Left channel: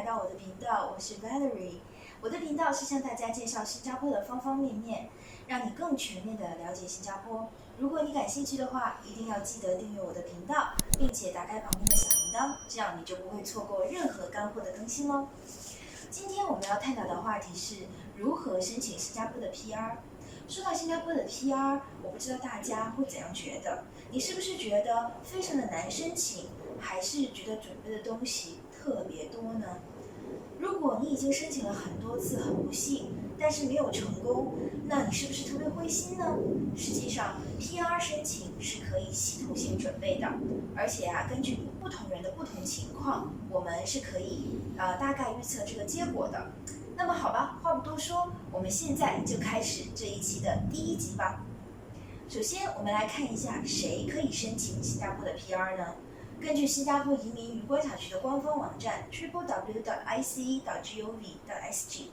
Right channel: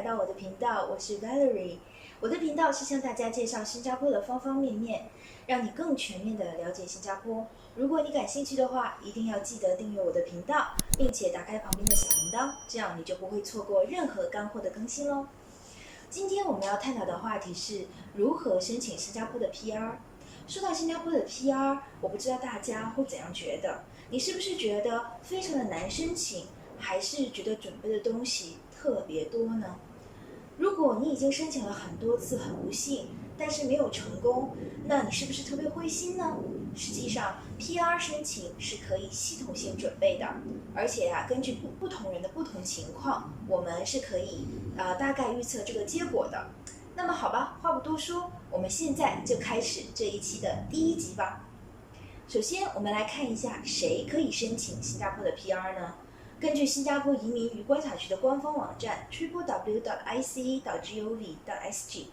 来到我的频道，我是 Valerie。我的频道是向大家介绍新加坡的方方面面，让你更全面的了解新加坡。如果你感兴趣的话，一定要记得订阅我的频道，并且打开旁边的小铃铛，这样你就不会错过任何干货的更新喽。今天我们要探讨的话题是如何申请新加坡的 PR。说到新加坡的 PR， 我不知道大家会怎样觉得？你是不是觉得非常的难申请，还是觉得准备的东西特别多呢？如果你已经申请了很多次，很不幸，但是没有成功，那你是不是特别灰心呢？实际上 PR 申请是可以系统性准备的，而且根据不同人的不同情况，我们是可以大概预测这个结果的。那么好吧，话不多说，我们现在就开始这一期的第一集吧。首先，我们来看一下谁可以申请新加坡的 PR 呢？根据新加坡移民与观察局的官方网站 www.ice.gov.sg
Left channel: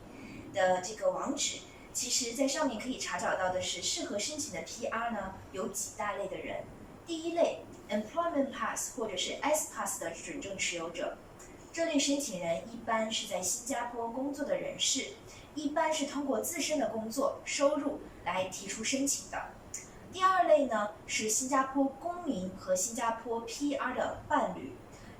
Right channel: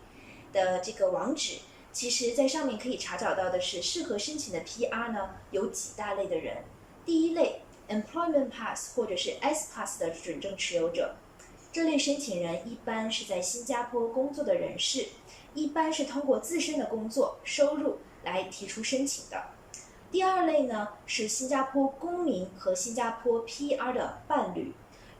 的这个网址，其实在上面可以查找到的是适合申请的 PR 呢有几大类的人。第一类 Employment Pass 或者是 S Pass 的准证持有者，这类申请人一般是在新加坡工作的人士，一般是通过自身的工作收入来提出申请的。第二类呢是新加坡公民和新加坡 PR 的伴侣，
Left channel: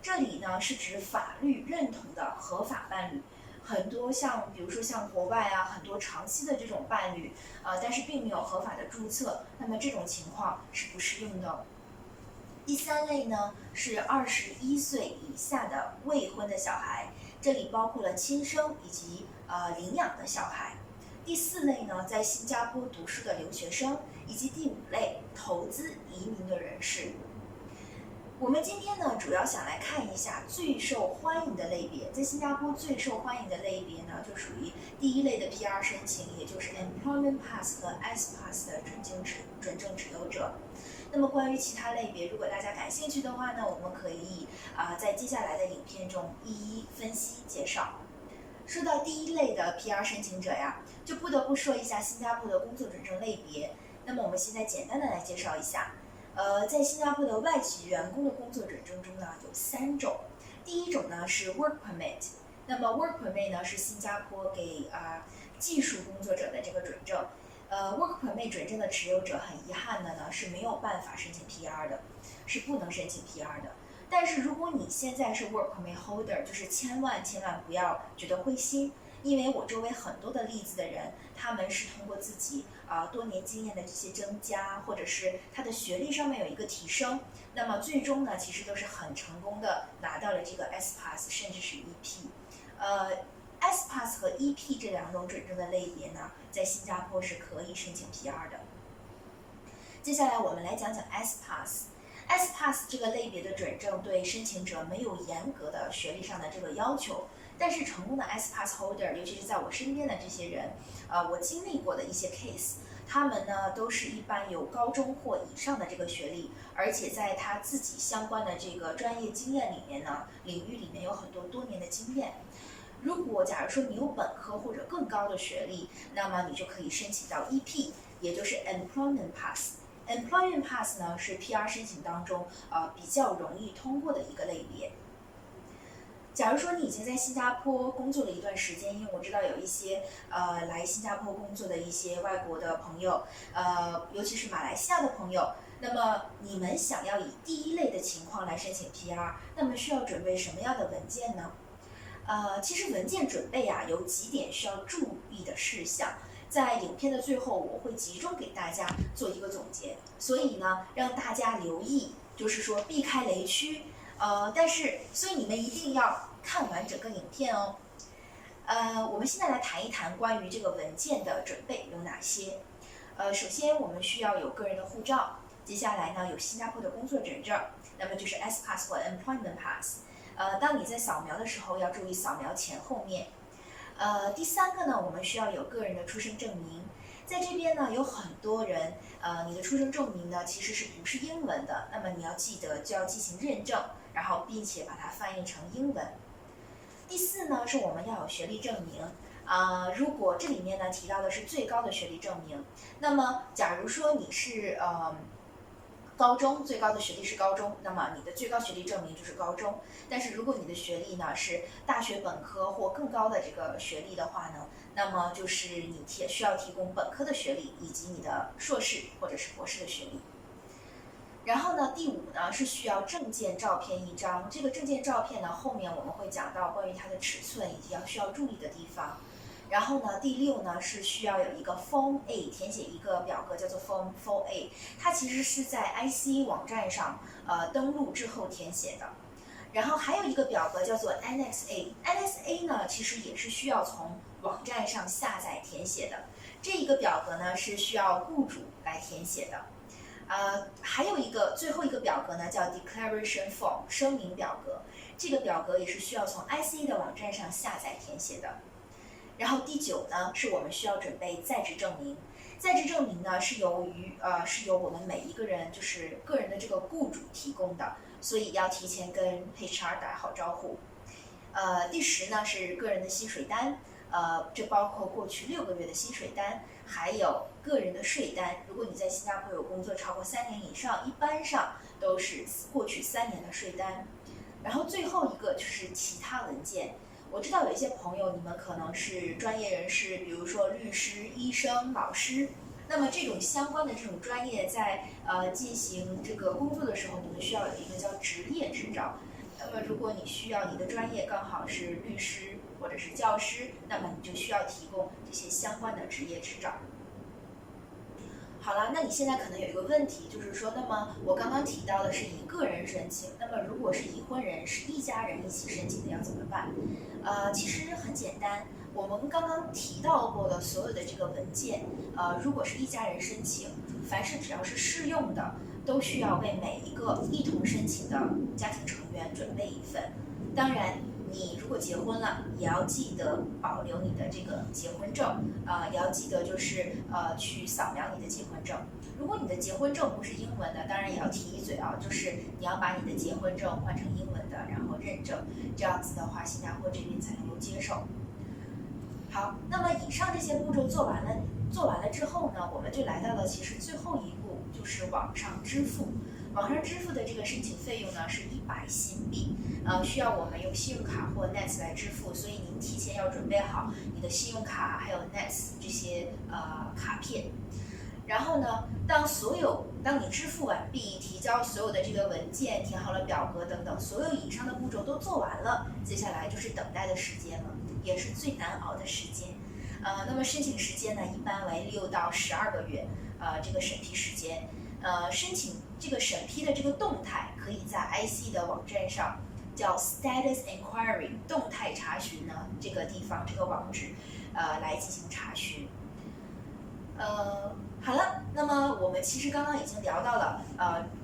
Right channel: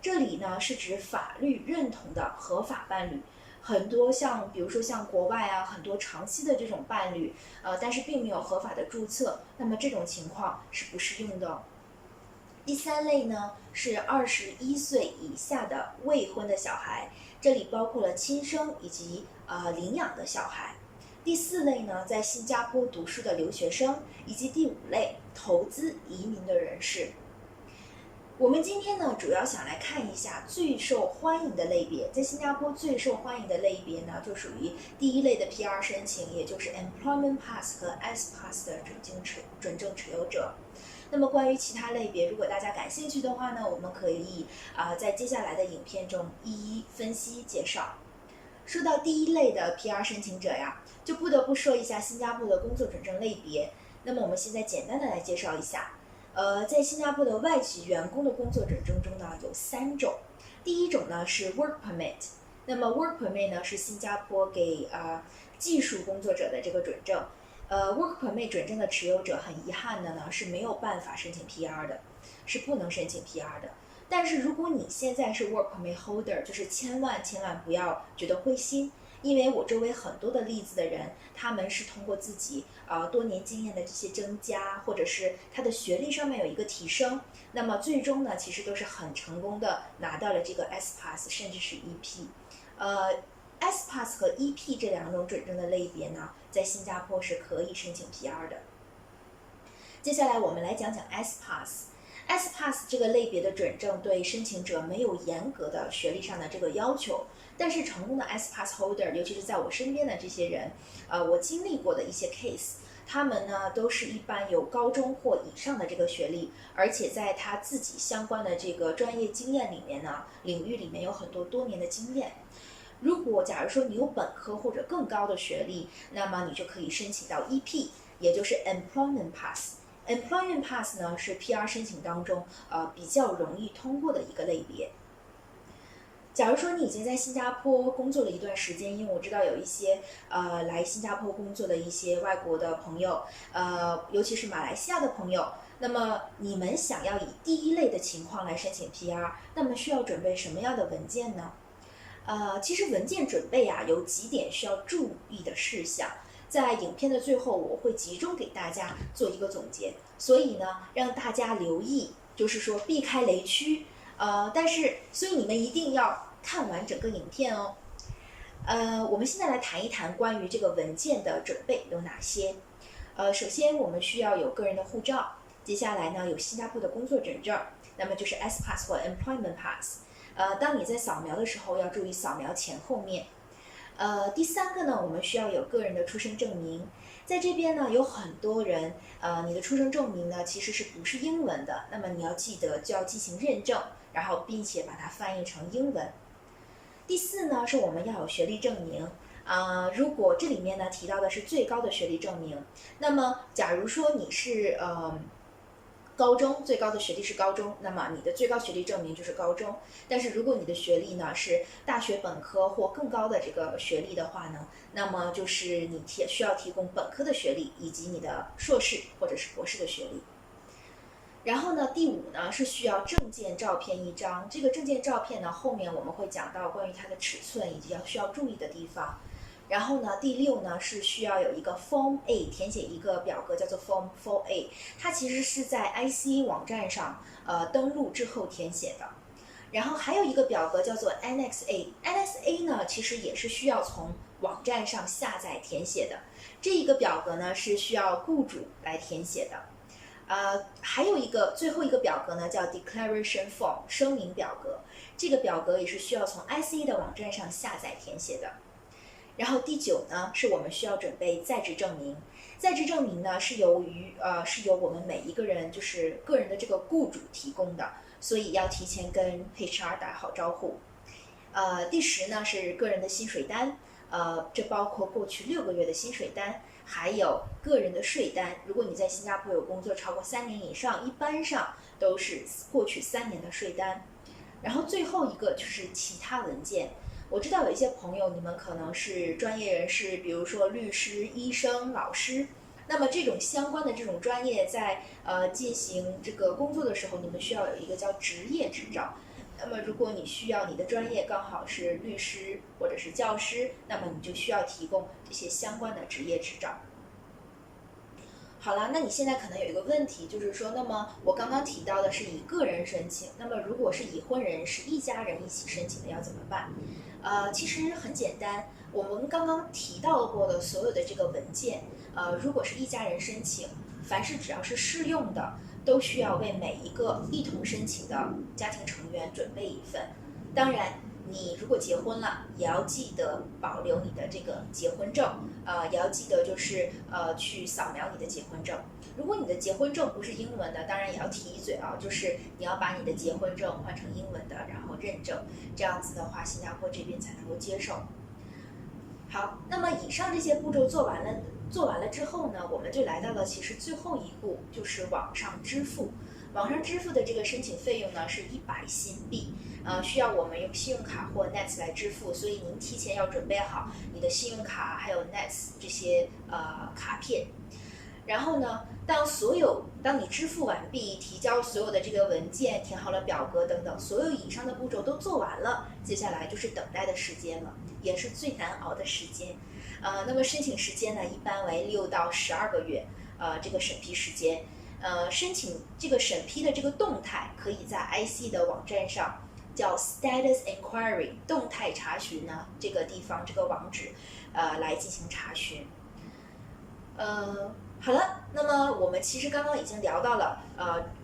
这里呢是指法律认同的合法伴侣。很多比如说像国外很多长期的这种伴侣，但是并没有合法的注册，那么这种情况是不适用的。第三类呢是21岁以下的未婚的小孩，这里包括了亲生以及领养的小孩。第四类呢，在新加坡读书的留学生，以及第五类投资移民的人士。我们今天呢，主要想来看一下最受欢迎的类别。在新加坡最受欢迎的类别呢，就属于第一类的 PR 申请，也就是 Employment Pass 和 S Pass 的准证持有者。那么关于其他类别，如果大家感兴趣的话呢，我们可以在接下来的影片中一一分析介绍。说到第一类的 PR 申请者就不得不说一下新加坡的工作准证类别。那么我们现在简单的来介绍一下。在新加坡的外籍员工的工作准证中呢，有3种。第一种呢是 Work Permit， 那么 Work Permit 呢是新加坡给技术工作者的这个准证。Work Permit 准证的持有者很遗憾的呢是没有办法申请 PR 的，是不能申请 PR 的。但是如果你现在是 Work Permit Holder， 就是千万不要觉得灰心，因为我周围很多的例子的人，他们是通过自己多年经验的这些增加，或者是他的学历上面有一个提升，那么最终呢其实都是很成功的拿到了这个 S Pass 甚至是 EP。S Pass 和 EP 这2种准证的类别呢，在新加坡是可以申请 PR 的。接下来我们来讲讲 S Pass。S Pass 这个类别的准证对申请者没有严格的学历上的这个要求，但是成功的 S Pass Holder， 尤其是在我身边的这些人，我经历过的一些 case， 他们呢都是一般有高中或以上的这个学历，而且在他自己相关的这个专业经验里面呢，领域里面有很多年的经验。如果假如说你有本科或者更高的学历，那么你就可以申请到 EP， 也就是 Employment Pass。Employment Pass 呢是 PR 申请当中比较容易通过的一个类别。假如说你已经在新加坡工作了一段时间，因为我知道有一些来新加坡工作的一些外国的朋友，尤其是马来西亚的朋友，那么你们想要以第一类的情况来申请 PR， 那么需要准备什么样的文件呢？其实文件准备有几点需要注意的事项。在影片的最后，我会集中给大家做一个总结，所以呢，让大家留意，就是说避开雷区。所以你们一定要看完整个影片哦。我们现在来谈一谈关于这个文件的准备有哪些。首先我们需要有个人的护照，接下来呢有新加坡的工作准证，那么就是 S Pass 或 Employment Pass。当你在扫描的时候要注意扫描前后面。第3个呢，我们需要有个人的出生证明。在这边呢，有很多人，你的出生证明呢其实不是英文的，那么你要记得就要进行认证，然后并且把它翻译成英文。第4呢，是我们要有学历证明。如果这里面呢提到的是最高的学历证明，那么假如说你是高中，最高的学历是高中，那么你的最高学历证明就是高中。但是如果你的学历呢是大学本科或更高的这个学历的话呢，那么就是你需要提供本科的学历以及你的硕士或者是博士的学历。然后呢，第5呢是需要证件照片1张。这个证件照片呢，后面我们会讲到关于它的尺寸以及需要注意的地方。然后呢，第6呢是需要有一个 Form A， 填写一个表格叫做 Form 4A， 它其实是在 ICA 网站上登录之后填写的。然后还有一个表格叫做 Annex A，Annex A 呢其实也是需要从网站上下载填写的。这一个表格呢是需要雇主来填写的。还有最后一个表格呢叫 Declaration Form， 声明表格。这个表格也是需要从 ICA 的网站上下载填写的。然后第9呢是我们需要准备在职证明。在职证明呢是由我们每一个人就是个人的这个雇主提供的，所以要提前跟 HR 打好招呼。第10呢是个人的薪水单，这包括过去6个月的薪水单，还有个人的税单。如果你在新加坡有工作超过3年以上，一般上都是过去3年的税单。然后最后一个就是其他文件。我知道有一些朋友，你们可能是专业人士，比如说律师、医生、老师。那么这种相关的这种专业在进行这个工作的时候，你们需要有一个叫执业执照。那么如果你需要你的专业刚好是律师或者是教师，那么你就需要提供这些相关的执业执照。好了，那你现在可能有一个问题，就是说，那么我刚刚提到的是以个人申请，那么如果是已婚人是一家人一起申请的要怎么办？其实很简单，我们刚刚提到过的所有的这个文件，如果是一家人申请，凡是只要是适用的，都需要为每一个一同申请的家庭成员准备一份。当然，你如果结婚了，也要记得保留你的这个结婚证，也要记得就是去扫描你的结婚证。如果你的结婚证不是英文的，当然也要提一嘴啊，就是你要把你的结婚证换成英文的，然后认证，这样子的话，新加坡这边才能够接受。好，那么以上这些步骤做完了之后呢，我们就来到了其实最后一步，就是网上支付。网上支付的这个申请费用呢是100新币，需要我们用信用卡或 Nets 来支付，所以您提前要准备好你的信用卡还有 Nets 这些卡片。然后呢，当你支付完毕，提交所有的这个文件，填好了表格等等，所有以上的步骤都做完了，接下来就是等待的时间了，也是最难熬的时间。那么申请时间呢，一般为6到12个月，这个审批时间。申请这个审批的这个动态，可以在 IC 的网站上叫 Status Inquiry 动态查询呢，这个地方这个网址来进行查询。好了，那么我们其实刚刚已经聊到了，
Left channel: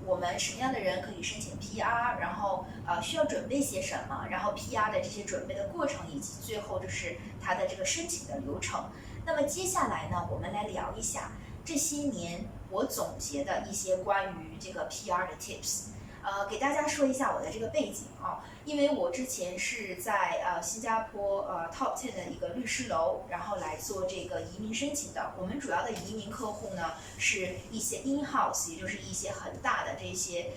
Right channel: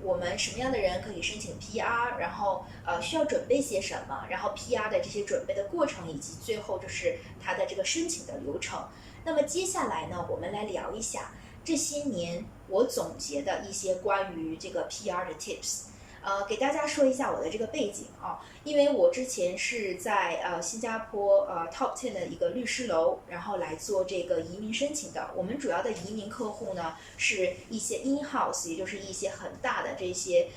我们什么样的人可以申请 PR， 然后需要准备些什么，然后 PR 的这些准备的过程，以及最后就是它的这个申请的流程。那么接下来呢，我们来聊一下这些年我总结的一些关于这个 PR 的 tips。给大家说一下我的这个背景啊，因为我之前是在新加坡Top 10的一个律师楼，然后来做这个移民申请的。我们主要的移民客户呢是一些 in-house， 也就是一些很大的这些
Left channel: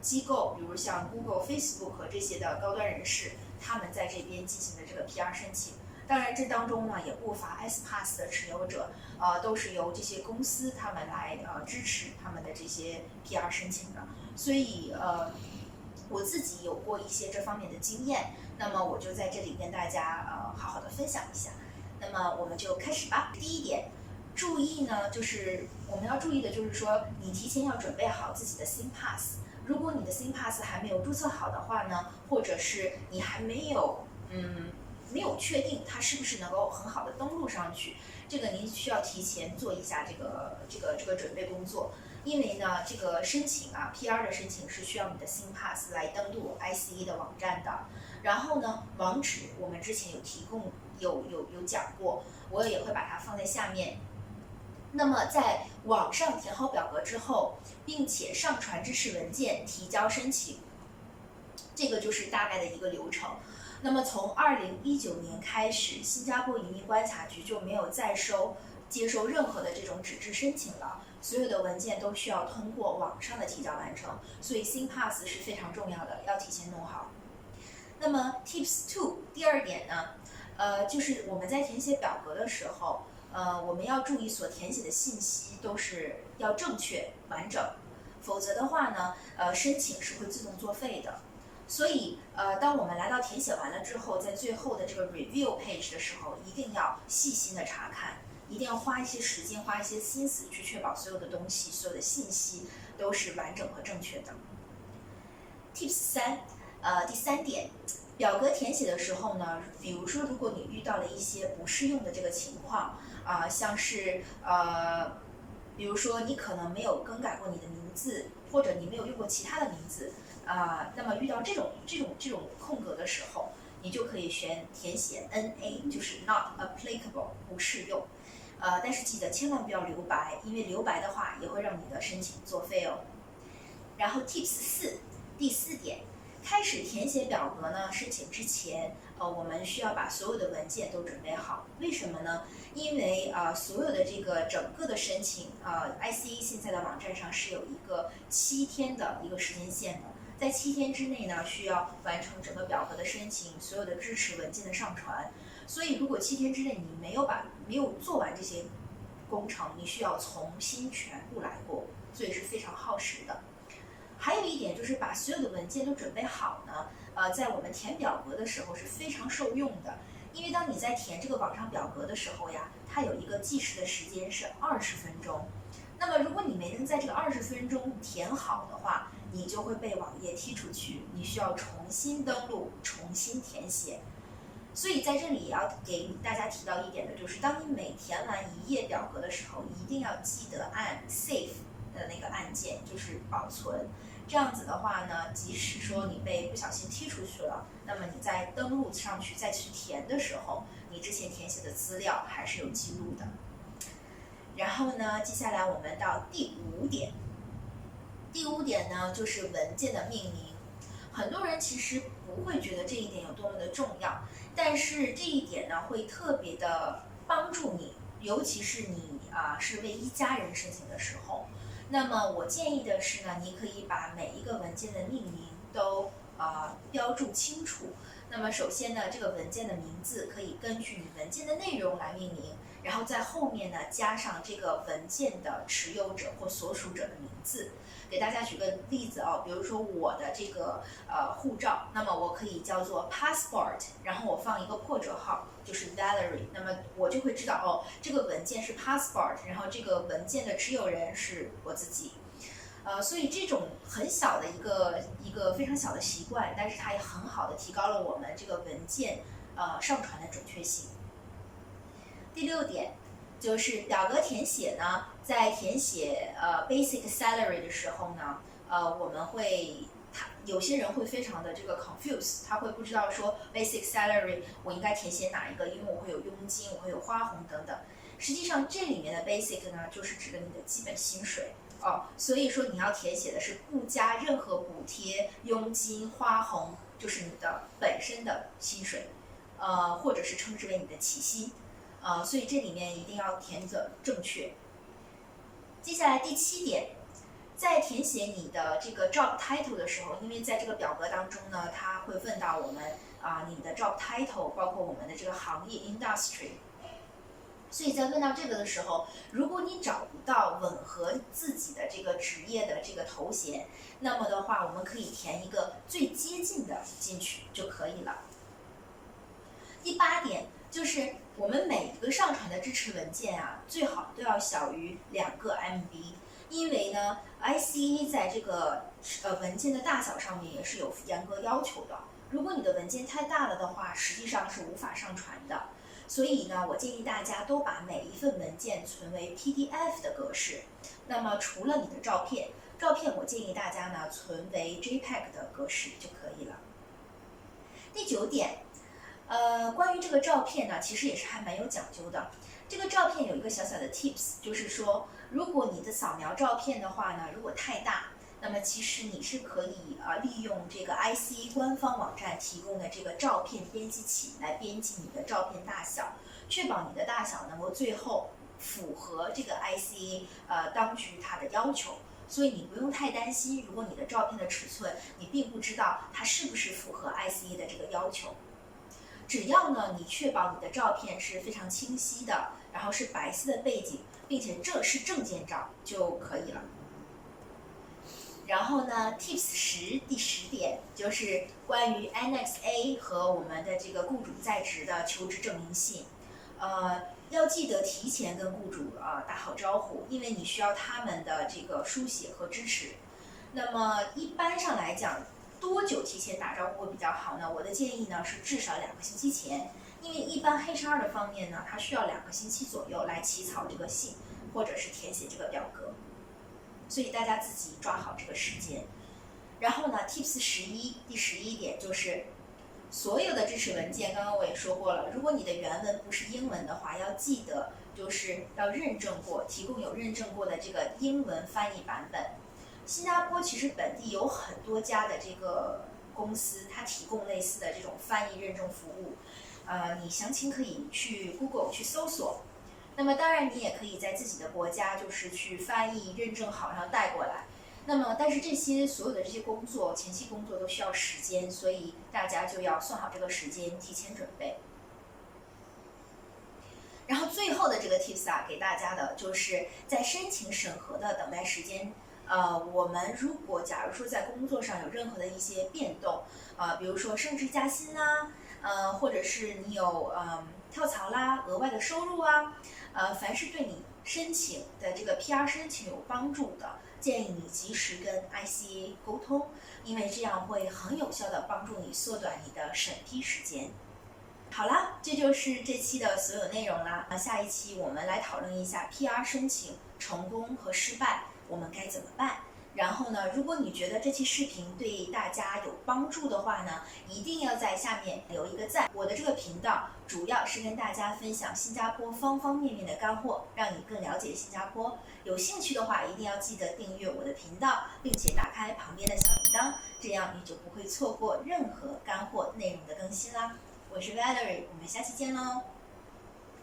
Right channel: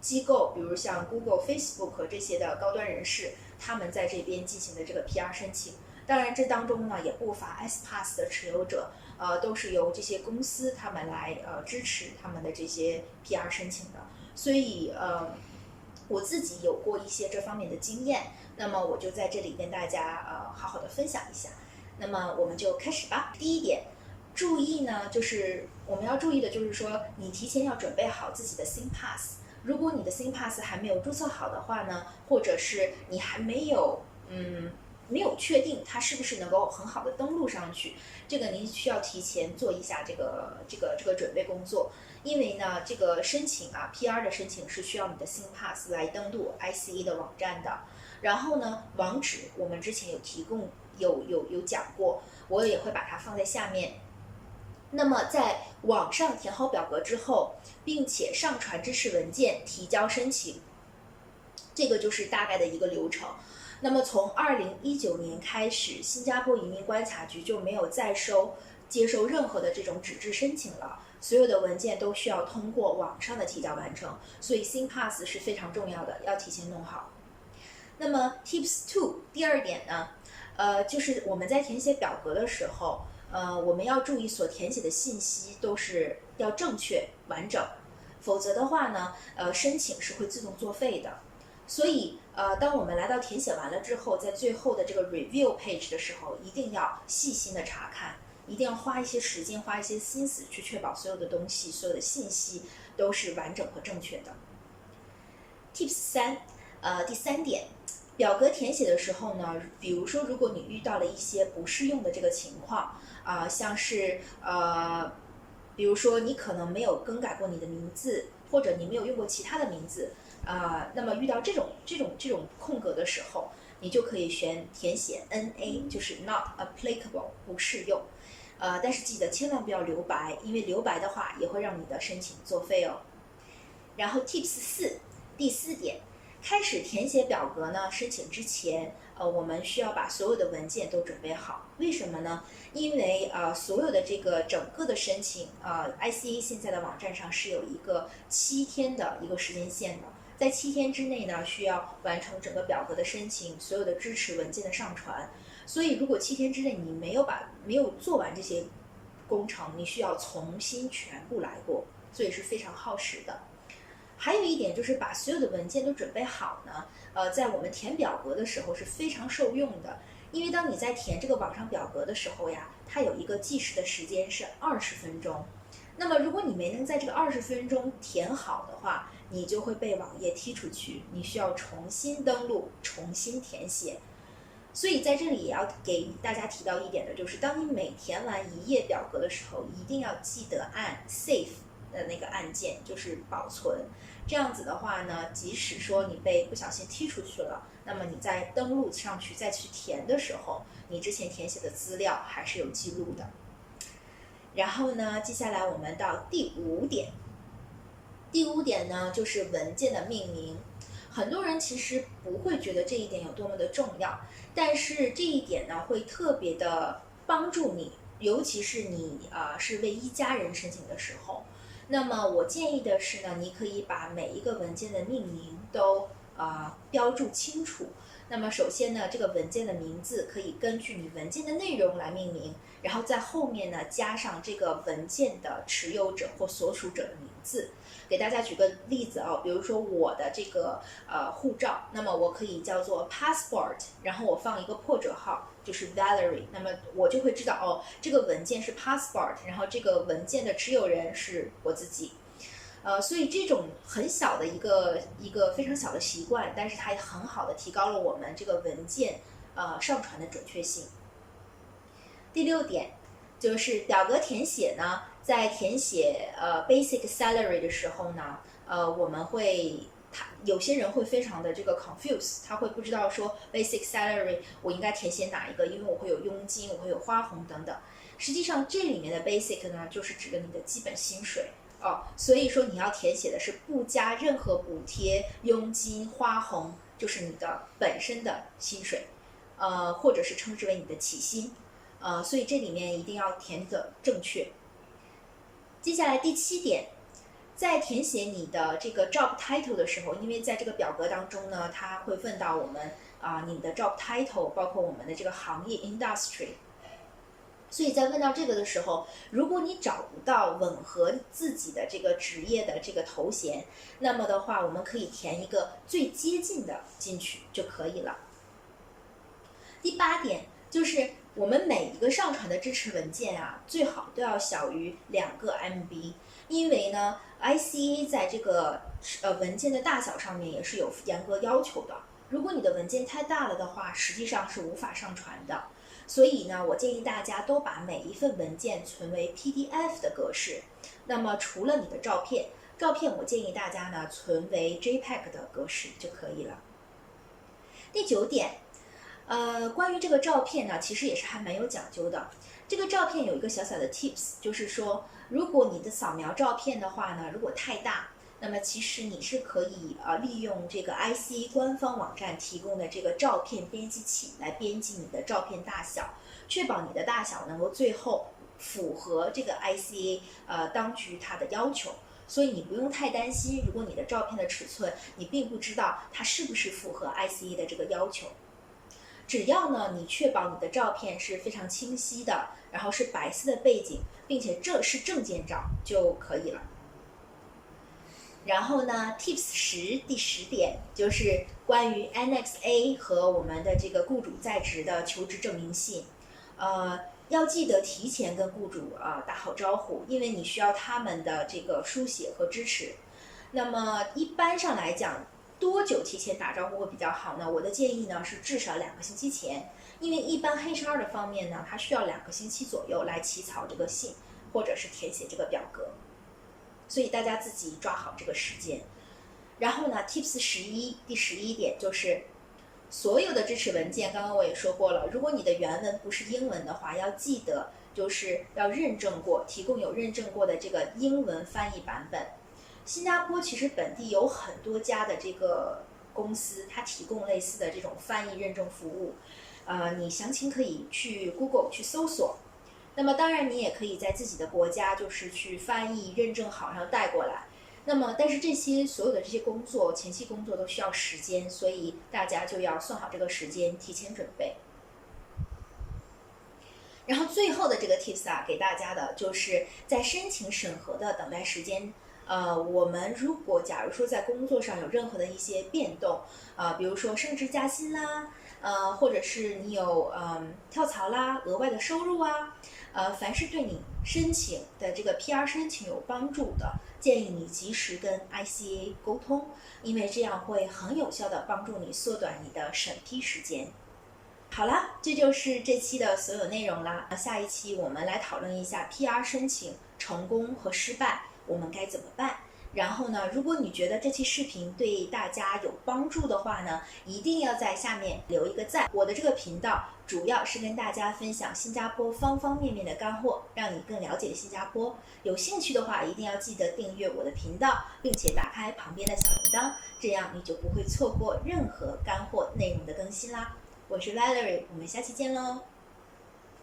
机构，比如像 Google、Facebook 这些的高端人士，他们在这边进行的这个 PR 申请。当然，这当中呢也不乏 S-Pass 的持有者，都是由这些公司他们来支持他们的这些 PR 申请的。所以我自己有过一些这方面的经验，那么我就在这里跟大家好好的分享一下。那么我们就开始吧。第一点，注意呢，就是我们要注意的就是说，你提前要准备好自己的 SingPass。如果你的 SingPass 还没有注册好的话呢，或者是你还没有确定它是不是能够很好的登录上去，这个您需要提前做一下这个准备工作。因为呢，这个申请PR 的申请是需要你的 SingPass 来登录 ICA 的网站的。然后呢，网址我们之前有提供有讲过，我也会把它放在下面。那么在网上填好表格之后，并且上传支持文件提交申请，这个就是大概的一个流程。那么从2019年开始，新加坡移民观察局就没有再接收任何的这种纸质申请了。所有的文件都需要通过网上的提交完成，所以 SyncPass 是非常重要的，要提前弄好。那么 Tips 2第2点呢，就是我们在填写表格的时候，我们要注意所填写的信息都是要正确完整，否则的话呢，申请是会自动作废的。所以，当我们来到填写完了之后，在最后的这个 review page 的时候，一定要细心的查看，一定要花一些时间，花一些心思去确保所有的东西、所有的信息都是完整和正确的。Tips 3，第3点，表格填写的时候呢，比如说如果你遇到了一些不适用的这个情况，像是比如说你可能没有更改过你的名字，或者你没有用过其他的名字。那么遇到这种空格的时候，你就可以填写 NA， 就是 not applicable， 不适用。但是记得千万不要留白，因为留白的话也会让你的申请作废哦。然后 Tips 4，第4点，开始填写表格呢，申请之前，我们需要把所有的文件都准备好。为什么呢？因为所有的这个整个的申请，ICA 现在的网站上是有一个7天的一个时间线的。在7天之内呢，需要完成整个表格的申请，所有的支持文件的上传。所以，如果7天之内你没有做完这些工程，你需要重新全部来过，所以是非常耗时的。还有一点就是把所有的文件都准备好呢，在我们填表格的时候是非常受用的，因为当你在填这个网上表格的时候呀，它有一个计时的时间是20分钟。那么如果你没能在这个20分钟填好的话，你就会被网页踢出去，你需要重新登录，重新填写。所以在这里也要给大家提到一点的就是，当你每填完一页表格的时候，一定要记得按 Save 的那个按键，就是保存。这样子的话呢，即使说你被不小心踢出去了，那么你在登录上去再去填的时候，你之前填写的资料还是有记录的。然后呢，接下来我们到第5点。第5点呢，就是文件的命名。很多人其实不会觉得这一点有多么的重要，但是这一点呢，会特别的帮助你，尤其是你是为1家人申请的时候。那么我建议的是呢，你可以把每一个文件的命名都标注清楚。那么首先呢，这个文件的名字可以根据你文件的内容来命名，然后在后面呢加上这个文件的持有者或所属者的名字。给大家举个例子比如说我的这个护照，那么我可以叫做 passport， 然后我放一个破折号，就是 Valerie， 那么我就会知道这个文件是 passport， 然后这个文件的持有人是我自己。所以这种很小的一个非常小的习惯，但是它也很好的提高了我们这个文件上传的准确性。第6点就是表格填写呢，在填写basic salary 的时候呢，我们有些人会非常的这个 confuse， 他会不知道说 basic salary 我应该填写哪一个，因为我会有佣金，我会有花红等等。实际上这里面的 basic 呢，就是指的你的基本薪水所以说你要填写的是不加任何补贴、佣金、花红，就是你的本身的薪水，或者是称之为你的起薪。所以这里面一定要填的正确。接下来第7点，在填写你的这个 job title 的时候，因为在这个表格当中呢，它会问到我们你的 job title， 包括我们的这个行业 industry。所以在问到这个的时候，如果你找不到吻合自己的这个职业的这个头衔，那么的话，我们可以填一个最接近的进去就可以了。第8点就是我们每一个上传的支持文件最好都要小于2个 MB， 因为呢 ICA 在这个文件的大小上面也是有严格要求的。如果你的文件太大了的话，实际上是无法上传的。所以呢，我建议大家都把每一份文件存为 PDF 的格式。那么除了你的照片我建议大家呢存为 JPEG 的格式就可以了。第9点，关于这个照片呢，其实也是还蛮有讲究的。这个照片有一个小小的 tips， 就是说，如果你的扫描照片的话呢，如果太大，那么其实你是可以利用这个 ICA 官方网站提供的这个照片编辑器来编辑你的照片大小，确保你的大小能够最后符合这个 ICA 当局它的要求。所以你不用太担心，如果你的照片的尺寸你并不知道它是不是符合 ICA 的这个要求。只要呢你确保你的照片是非常清晰的，然后是白色的背景，并且这是证件照就可以了。然后呢 Tips 第10点就是关于 Annex A 和我们的这个雇主在职的求职证明信。要记得提前跟雇主打好招呼，因为你需要他们的这个书写和支持。那么一般上来讲，多久提前打招呼会比较好呢？我的建议呢是至少2个星期前，因为一般 HR 的方面呢，它需要2个星期左右来起草这个信，或者是填写这个表格，所以大家自己抓好这个时间。然后呢 Tips 第11点就是所有的支持文件，刚刚我也说过了，如果你的原文不是英文的话，要记得就是要认证过，提供有认证过的这个英文翻译版本。新加坡其实本地有很多家的这个公司，它提供类似的这种翻译认证服务。你详情可以去 Google 去搜索。那么当然你也可以在自己的国家就是去翻译认证好，然后带过来。那么但是所有的这些工作，前期工作都需要时间，所以大家就要算好这个时间，提前准备。然后最后的这个 tips 给大家的就是在申请审核的等待时间。我们假如说在工作上有任何的一些变动，比如说升职加薪啦，或者是你有跳槽啦、额外的收入啊，凡是对你申请的这个 PR 申请有帮助的，建议你及时跟 ICA 沟通，因为这样会很有效的帮助你缩短你的审批时间。好啦，这就是这期的所有内容啦。下一期我们来讨论一下 PR 申请成功和失败，我们该怎么办？然后呢，如果你觉得这期视频对大家有帮助的话呢，一定要在下面留一个赞。我的这个频道主要是跟大家分享新加坡方方面面的干货，让你更了解新加坡。有兴趣的话，一定要记得订阅我的频道，并且打开旁边的小铃铛，这样你就不会错过任何干货内容的更新啦。我是 Valerie， 我们下期见喽。